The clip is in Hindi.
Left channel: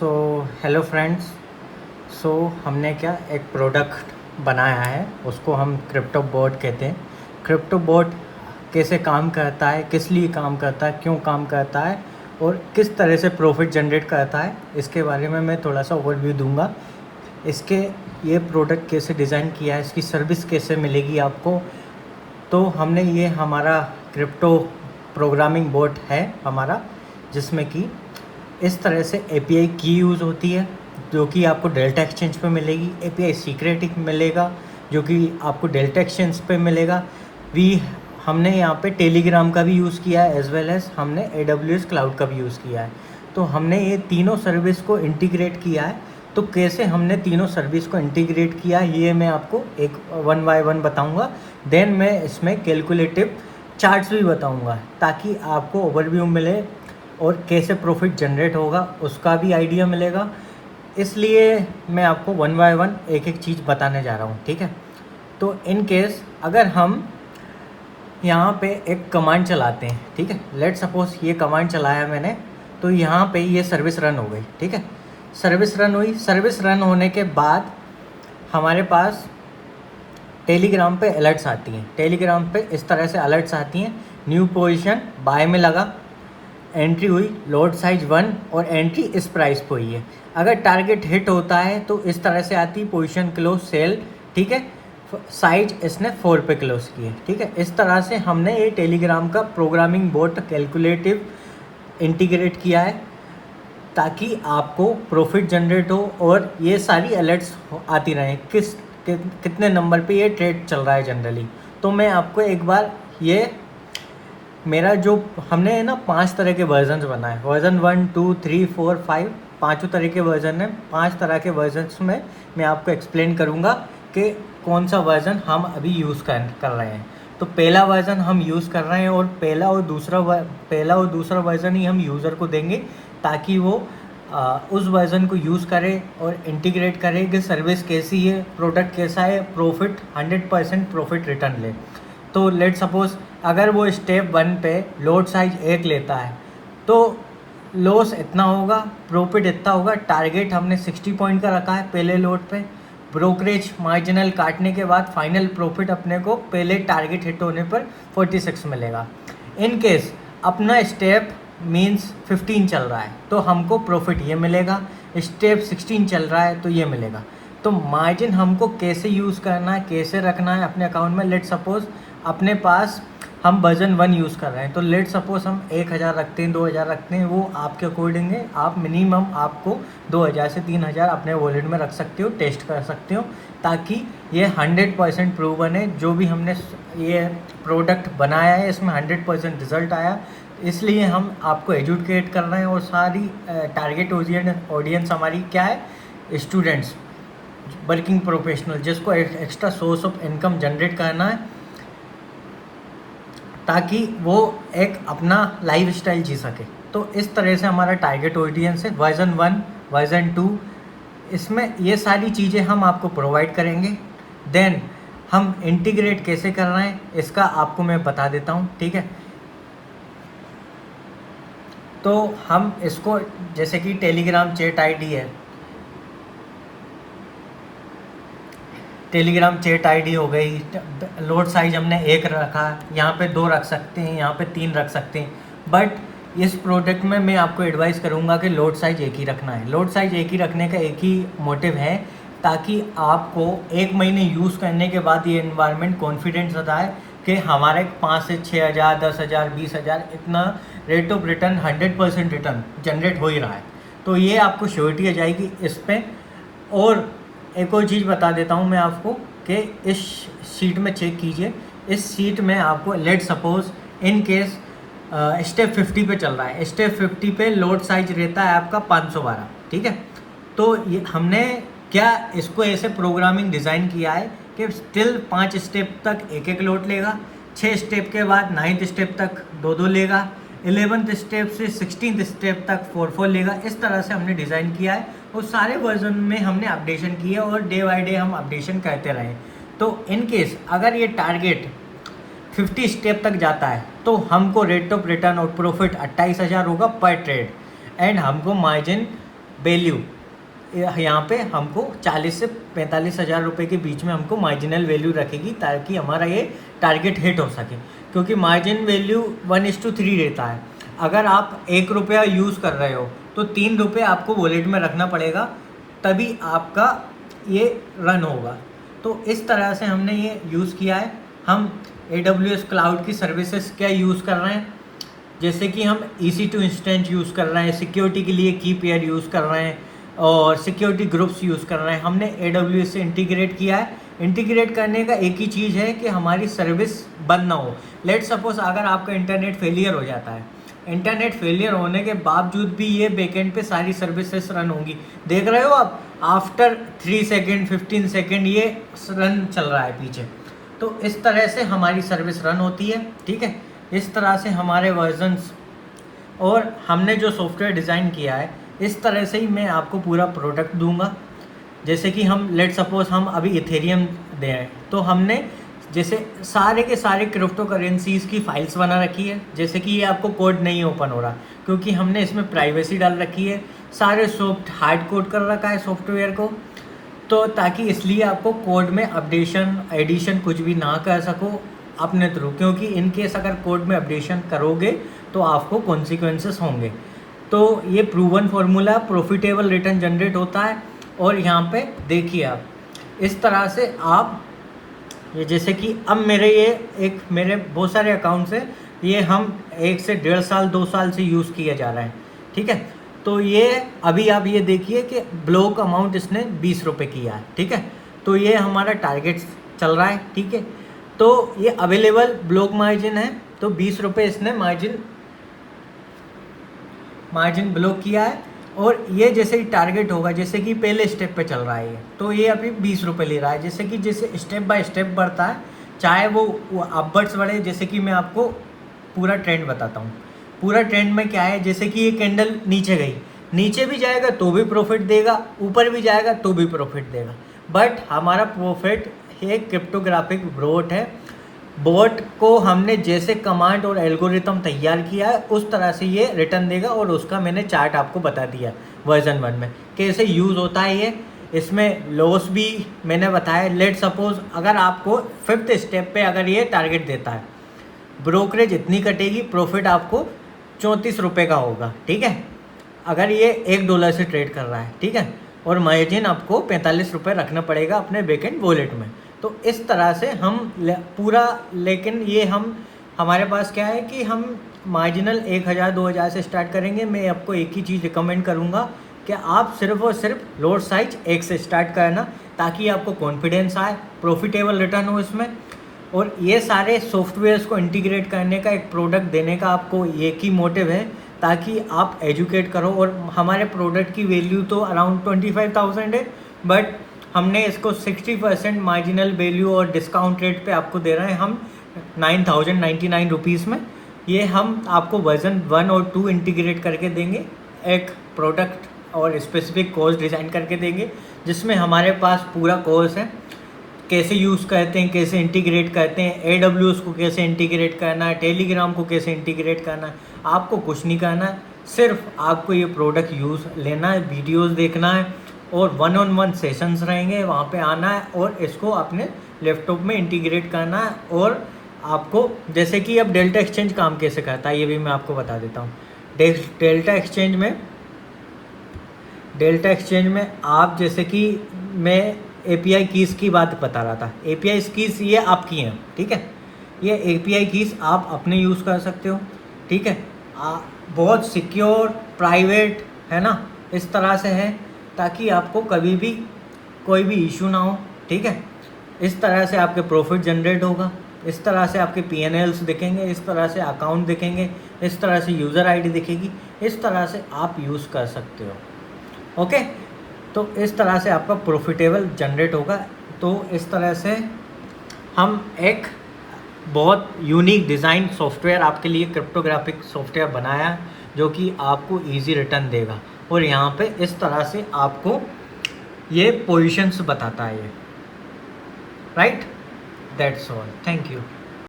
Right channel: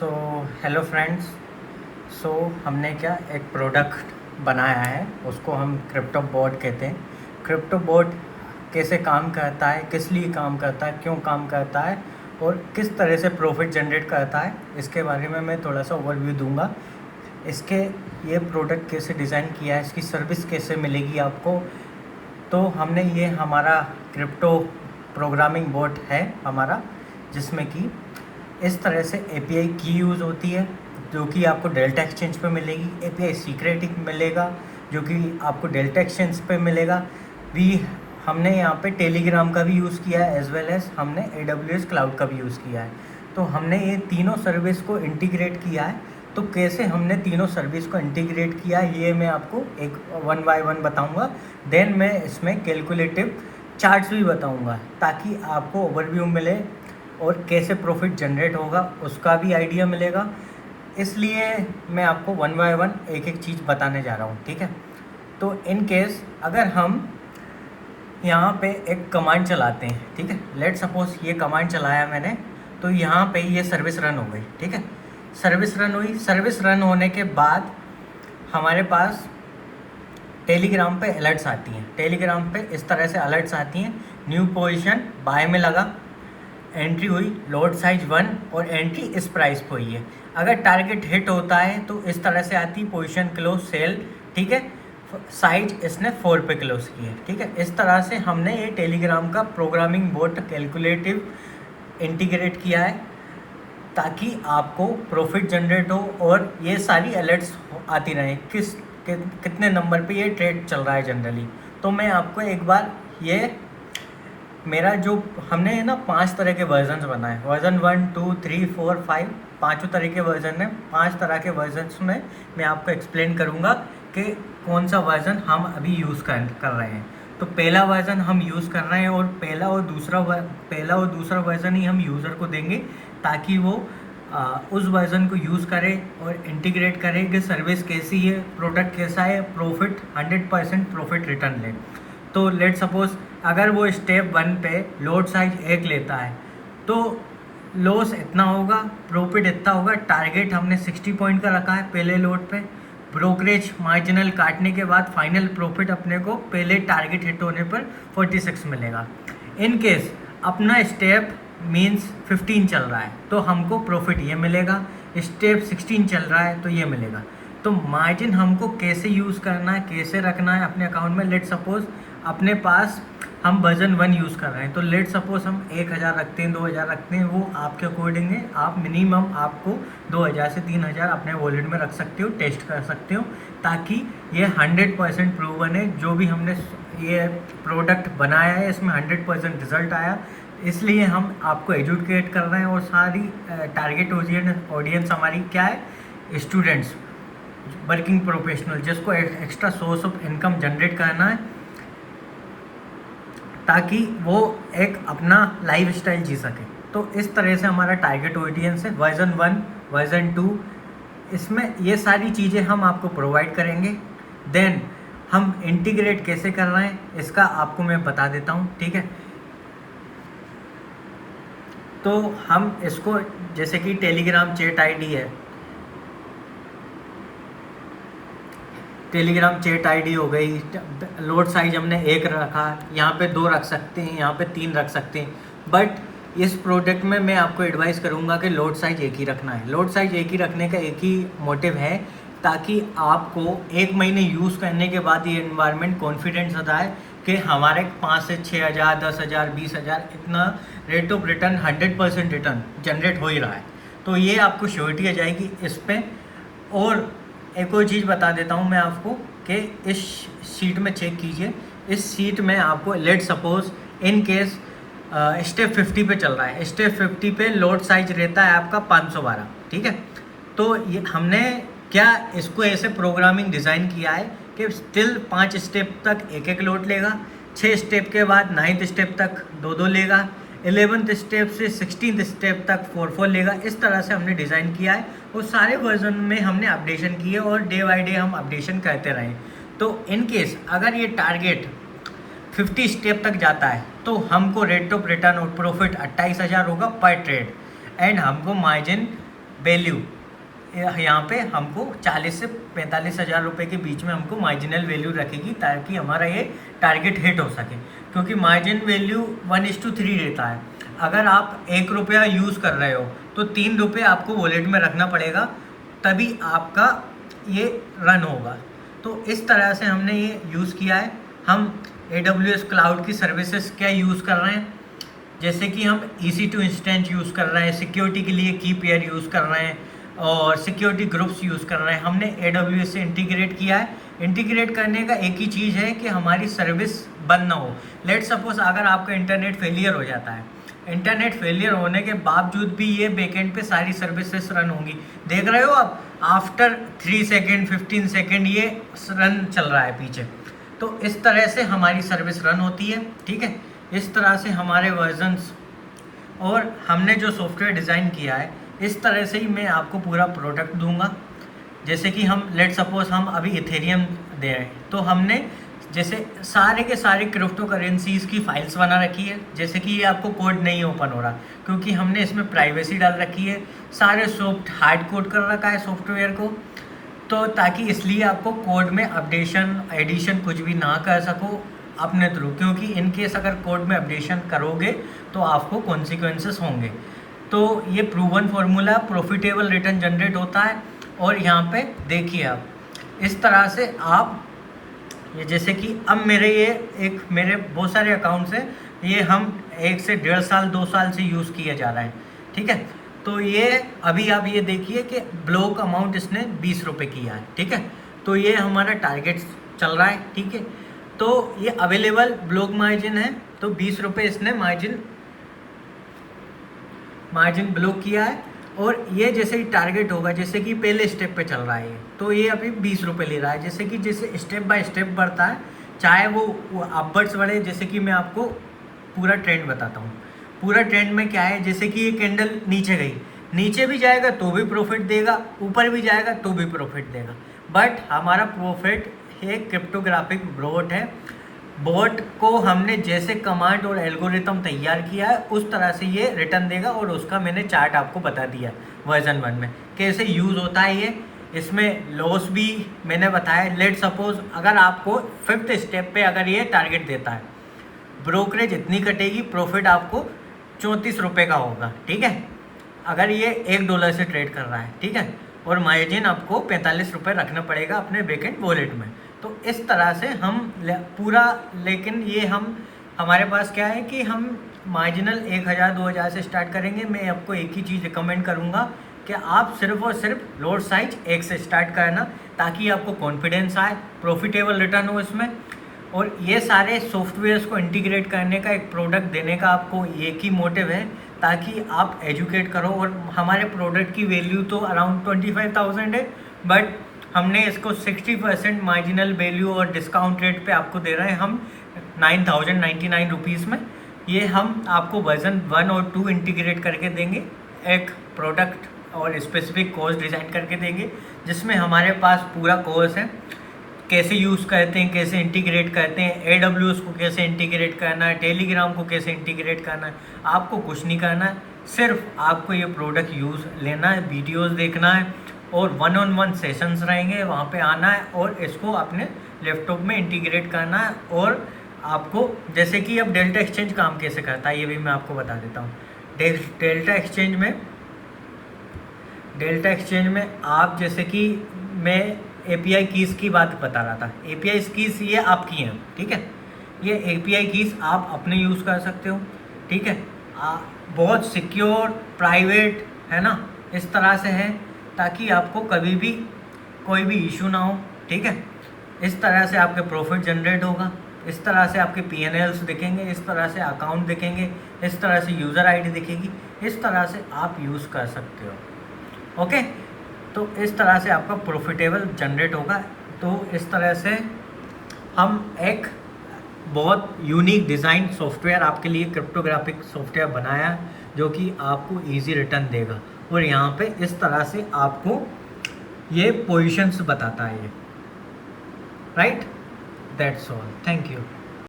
So hello friends. सो हमने क्या एक प्रोडक्ट बनाया है, उसको हम क्रिप्टो बोट कहते हैं। क्रिप्टो बोट कैसे काम करता है, किस लिए काम करता है, क्यों काम करता है और किस तरह से प्रॉफिट जनरेट करता है, इसके बारे में मैं थोड़ा सा ओवरव्यू दूंगा। इसके ये प्रोडक्ट कैसे डिज़ाइन किया है, इसकी सर्विस कैसे मिलेगी आपको। तो हमने ये हमारा क्रिप्टो प्रोग्रामिंग बोट है हमारा, जिसमें कि इस तरह से एपीआई की यूज़ होती है जो कि आपको डेल्टा एक्सचेंज पे मिलेगी। एपीआई सीक्रेट मिलेगा जो कि आपको डेल्टा एक्सचेंज पे मिलेगा। वी हमने यहाँ पे टेलीग्राम का भी यूज़ किया है, एज वेल एज हमने AWS क्लाउड का भी यूज़ किया है। तो हमने ये तीनों सर्विस को इंटीग्रेट किया है। तो कैसे हमने तीनों सर्विस को इंटीग्रेट किया ये मैं आपको एक वन बाय वन बताऊंगा। देन मैं इसमें कैलकुलेटिव चार्ट्स भी बताऊंगा ताकि आपको ओवरव्यू मिले और कैसे प्रॉफिट जनरेट होगा उसका भी आइडिया मिलेगा। इसलिए मैं आपको वन बाय वन एक एक चीज़ बताने जा रहा हूँ, ठीक है। तो इन केस अगर हम यहाँ पे एक कमांड चलाते हैं, ठीक है, लेट सपोज ये कमांड चलाया मैंने, तो यहाँ पे ये सर्विस रन हो गई, ठीक है। सर्विस रन हुई। सर्विस रन होने के बाद हमारे पास टेलीग्राम पे अलर्ट्स आती हैं। टेलीग्राम पे इस तरह से अलर्ट्स आती हैं, न्यू पोजीशन बाय में लगा, एंट्री हुई लोड साइज 1 और एंट्री इस प्राइस पे हुई है। अगर टारगेट हिट होता है तो इस तरह से आती पोजीशन क्लोज सेल, ठीक है, साइज इसने 4 पे क्लोज की है, ठीक है। इस तरह से हमने ये टेलीग्राम का प्रोग्रामिंग बोट कैलकुलेटिव इंटीग्रेट किया है ताकि आपको प्रॉफिट जनरेट हो और ये सारी अलर्ट्स आती रहें कितने नंबर पे ये ट्रेड चल रहा है जनरली। तो मैं आपको एक बार ये मेरा जो हमने है ना 5 तरह के वर्जन्स बनाए, वर्जन 1 2 3 4 5, पाँचों तरह के वर्जन है। 5 तरह के वर्जन्स में मैं आपको एक्सप्लेन करूँगा कि कौन सा वर्जन हम अभी यूज़ कर रहे हैं। तो पहला वर्जन हम यूज़ कर रहे हैं और पहला और दूसरा वर्जन ही हम यूज़र को देंगे ताकि वो उस वर्जन को यूज़ करे और इंटीग्रेट करे कि सर्विस कैसी है, प्रोडक्ट कैसा है, प्रॉफिट 100% प्रॉफिट रिटर्न ले। तो लेट सपोज अगर वो स्टेप 1 पे लोड साइज 1 लेता है तो लॉस इतना होगा, प्रॉफिट इतना होगा। टारगेट हमने 60 पॉइंट का रखा है पहले लोड पे। ब्रोकरेज मार्जिनल काटने के बाद फाइनल प्रॉफिट अपने को पहले टारगेट हिट होने पर 46 मिलेगा। इन केस अपना स्टेप मीन्स 15 चल रहा है तो हमको प्रॉफिट ये मिलेगा, स्टेप 16 चल रहा है तो ये मिलेगा। तो मार्जिन हमको कैसे यूज़ करना है, कैसे रखना है अपने अकाउंट में। लेट सपोज अपने पास हम वर्जन 1 यूज़ कर रहे हैं तो लेट सपोज हम 1000 रखते हैं, 2000 रखते हैं, वो आपके अकॉर्डिंग है। आप मिनिमम आपको 2000 से 3000 अपने वॉलेट में रख सकते हो, टेस्ट कर सकते हो ताकि ये 100% प्रूवन है। जो भी हमने ये प्रोडक्ट बनाया है इसमें 100% रिजल्ट आया, इसलिए हम आपको एजुकेट कर रहे हैं। और सारी टारगेट ऑडियंस हमारी क्या है, स्टूडेंट्स, वर्किंग प्रोफेशनल, जिसको extra source of income generate करना है ताकि वो एक अपना लाइफ स्टाइल जी सके। तो इस तरह से हमारा टारगेट ऑडियंस है। वर्जन 1 वर्जन 2 इसमें ये सारी चीज़ें हम आपको प्रोवाइड करेंगे। देन हम इंटीग्रेट कैसे कर रहे हैं इसका आपको मैं बता देता हूँ, ठीक है। तो हम इसको जैसे कि टेलीग्राम चैट आईडी है, टेलीग्राम चैट आईडी हो गई, लोड साइज हमने 1 रखा, यहाँ पे 2 रख सकते हैं, यहाँ पे 3 रख सकते हैं। बट इस प्रोडक्ट में मैं आपको एडवाइस करूँगा कि लोड साइज 1 ही रखना है। लोड साइज 1 ही रखने का एक ही मोटिव है ताकि आपको 1 महीने यूज़ करने के बाद ये एनवायरनमेंट कॉन्फिडेंस आता है कि हमारे 5 से 6000 10,000 20,000 इतना rate of return 100% return generate हो ही रहा है। तो ये आपको श्योरिटी आ जाएगी इस पर। और एक और चीज़ बता देता हूँ मैं आपको कि इस शीट में चेक कीजिए। इस शीट में आपको let suppose in case step 50 पे चल रहा है, स्टेप 50 पे लोड साइज रहता है आपका 512, ठीक है। तो ये हमने क्या इसको ऐसे प्रोग्रामिंग डिज़ाइन किया है कि स्टिल 5 स्टेप तक 1 लोड लेगा, 6 स्टेप के बाद 9th स्टेप तक 2 लेगा, 11th स्टेप से 16th स्टेप तक 4 लेगा। इस तरह से हमने डिज़ाइन किया है और सारे वर्जन में हमने अपडेशन की है और डे बाय डे हम अपडेशन करते रहे। तो इन केस अगर ये टारगेट 50 स्टेप तक जाता है तो हमको रेट ऑफ रिटर्न और प्रॉफिट 28,000 होगा पर ट्रेड एंड हमको मार्जिन वैल्यू, यहाँ पे हमको 40 से 45 हज़ार रुपये के बीच में हमको मार्जिनल वैल्यू रखेगी ताकि हमारा ये टारगेट हिट हो सके, क्योंकि मार्जिन वैल्यू 1:3 रहता है। अगर आप 1 रुपया यूज़ कर रहे हो तो 3 रुपये आपको वॉलेट में रखना पड़ेगा, तभी आपका ये रन होगा। तो इस तरह से हमने ये यूज़ किया है। हम AWS क्लाउड की सर्विसेज क्या यूज़ कर रहे हैं, जैसे कि हम EC2 इंस्टेंट यूज़ कर रहे हैं, सिक्योरिटी के लिए की पेयर यूज़ कर रहे हैं और सिक्योरिटी ग्रुप्स यूज़ कर रहे हैं। हमने AWS से इंटीग्रेट किया है। इंटीग्रेट करने का एक ही चीज़ है कि हमारी सर्विस बंद ना हो। लेट सपोज अगर आपका इंटरनेट फेलियर हो जाता है, इंटरनेट फेलियर होने के बावजूद भी ये बैकएंड पे सारी सर्विसेज रन होंगी। देख रहे हो आप, आफ्टर 3 सेकेंड 15 सेकेंड ये रन चल रहा है पीछे। तो इस तरह से हमारी सर्विस रन होती है, ठीक है। इस तरह से हमारे वर्जन्स और हमने जो सॉफ्टवेयर डिज़ाइन किया है, इस तरह से ही मैं आपको पूरा प्रोडक्ट दूंगा। जैसे कि हम लेट सपोज हम अभी इथेरियम दे हैं, तो हमने जैसे सारे के सारे क्रिप्टो करेंसीज़ की फाइल्स बना रखी है। जैसे कि ये आपको कोड नहीं ओपन हो रहा क्योंकि हमने इसमें प्राइवेसी डाल रखी है, सारे हार्ड कोड कर रखा है सॉफ्टवेयर को, तो ताकि इसलिए आपको कोड में अपडेशन एडिशन कुछ भी ना कर सको अपने थ्रू, क्योंकि इनकेस अगर कोड में अपडेशन करोगे तो आपको कॉन्सिक्वेंसेस होंगे। तो ये proven formula profitable return generate होता है। और यहाँ पे देखिए आप, इस तरह से आप ये जैसे कि अब मेरे बहुत सारे अकाउंट्स हैं, ये हम 1 से 1.5 साल 2 साल से यूज़ किए जा रहे हैं, ठीक है। तो ये अभी आप ये देखिए कि ब्लॉक अमाउंट इसने 20 रुपये किया है, ठीक है। तो ये हमारा टारगेट चल रहा है, ठीक है। तो ये अवेलेबल ब्लॉक मार्जिन है, तो 20 रुपये इसने मार्जिन ब्लॉक किया है। और ये जैसे ही टारगेट होगा, जैसे कि पहले स्टेप पे चल रहा है, तो ये अभी 20 रुपये ले रहा है। जैसे स्टेप बाय स्टेप बढ़ता है, चाहे वो अपवर्ड्स बढ़े। जैसे कि मैं आपको पूरा ट्रेंड बताता हूँ। पूरा ट्रेंड में क्या है, जैसे कि ये कैंडल नीचे गई, नीचे भी जाएगा तो भी प्रॉफिट देगा, ऊपर भी जाएगा तो भी प्रॉफिट देगा। बट हमारा प्रॉफिट एक क्रिप्टोग्राफिक बोट है। बोट को हमने जैसे कमांड और एल्गोरिथम तैयार किया है उस तरह से ये रिटर्न देगा, और उसका मैंने चार्ट आपको बता दिया वर्जन 1 में कैसे यूज़ होता है ये। इसमें लॉस भी मैंने बताया। लेट सपोज अगर आपको 5th स्टेप पे अगर ये टारगेट देता है, ब्रोकरेज इतनी कटेगी, प्रॉफिट आपको 34 रुपये का होगा, ठीक है, अगर ये $1 से ट्रेड कर रहा है, ठीक है। और मार्जिन आपको 45 रुपये रखना पड़ेगा अपने बैकएंड वॉलेट में। तो इस तरह से हम पूरा, लेकिन ये हमारे पास क्या है कि हम मार्जिनल 1000-2000 से स्टार्ट करेंगे। मैं आपको एक ही चीज़ रिकमेंड करूँगा कि आप सिर्फ और सिर्फ लोड साइज 1 से स्टार्ट करना, ताकि आपको कॉन्फिडेंस आए, प्रॉफिटेबल रिटर्न हो इसमें। और ये सारे सॉफ्टवेयर्स को इंटीग्रेट करने का, एक प्रोडक्ट देने का आपको एक ही मोटिव है, ताकि आप एजुकेट करो। और हमारे प्रोडक्ट की वैल्यू तो अराउंड 25,000 है, बट हमने इसको 60% मार्जिनल वैल्यू और डिस्काउंट रेट पे आपको दे रहे हैं हम 9,099 रुपीज़ में। ये हम आपको वर्जन 1 और 2 इंटीग्रेट करके देंगे, एक प्रोडक्ट और स्पेसिफिक कोर्स डिज़ाइन करके देंगे, जिसमें हमारे पास पूरा कोर्स है, कैसे यूज़ करते हैं, कैसे इंटीग्रेट करते हैं, AWS को कैसे इंटीग्रेट करना है, टेलीग्राम को कैसे इंटीग्रेट करना है। आपको कुछ नहीं करना है, सिर्फ आपको ये प्रोडक्ट यूज़ लेना है, वीडियोस देखना है, और 1-on-1 सेशंस रहेंगे, वहाँ पे आना है और इसको अपने लैपटॉप में इंटीग्रेट करना है। और आपको जैसे कि अब डेल्टा एक्सचेंज काम कैसे करता है ये भी मैं आपको बता देता हूँ। डेल्टा एक्सचेंज में आप, जैसे कि मैं API कीज़ की बात बता रहा था, API कीज़ ये आपकी हैं, ठीक है। ये API कीज़ आप अपने यूज़ कर सकते हो, ठीक है। बहुत सिक्योर, प्राइवेट है ना, इस तरह से है, ताकि आपको कभी भी कोई भी इशू ना हो, ठीक है। इस तरह से आपके प्रॉफिट जनरेट होगा, इस तरह से आपके P&Ls दिखेंगे, इस तरह से अकाउंट दिखेंगे, इस तरह से यूज़र ID दिखेगी, इस तरह से आप यूज़ कर सकते हो, ओके। तो इस तरह से आपका प्रॉफिटेबल जनरेट होगा। तो इस तरह से हम एक बहुत यूनिक डिज़ाइन सॉफ्टवेयर आपके लिए, क्रिप्टोग्राफिक सॉफ्टवेयर बनाया, जो कि आपको इजी रिटर्न देगा। और यहाँ पे इस तरह से आपको ये पोजीशंस बताता है ये, right. That's all, thank you.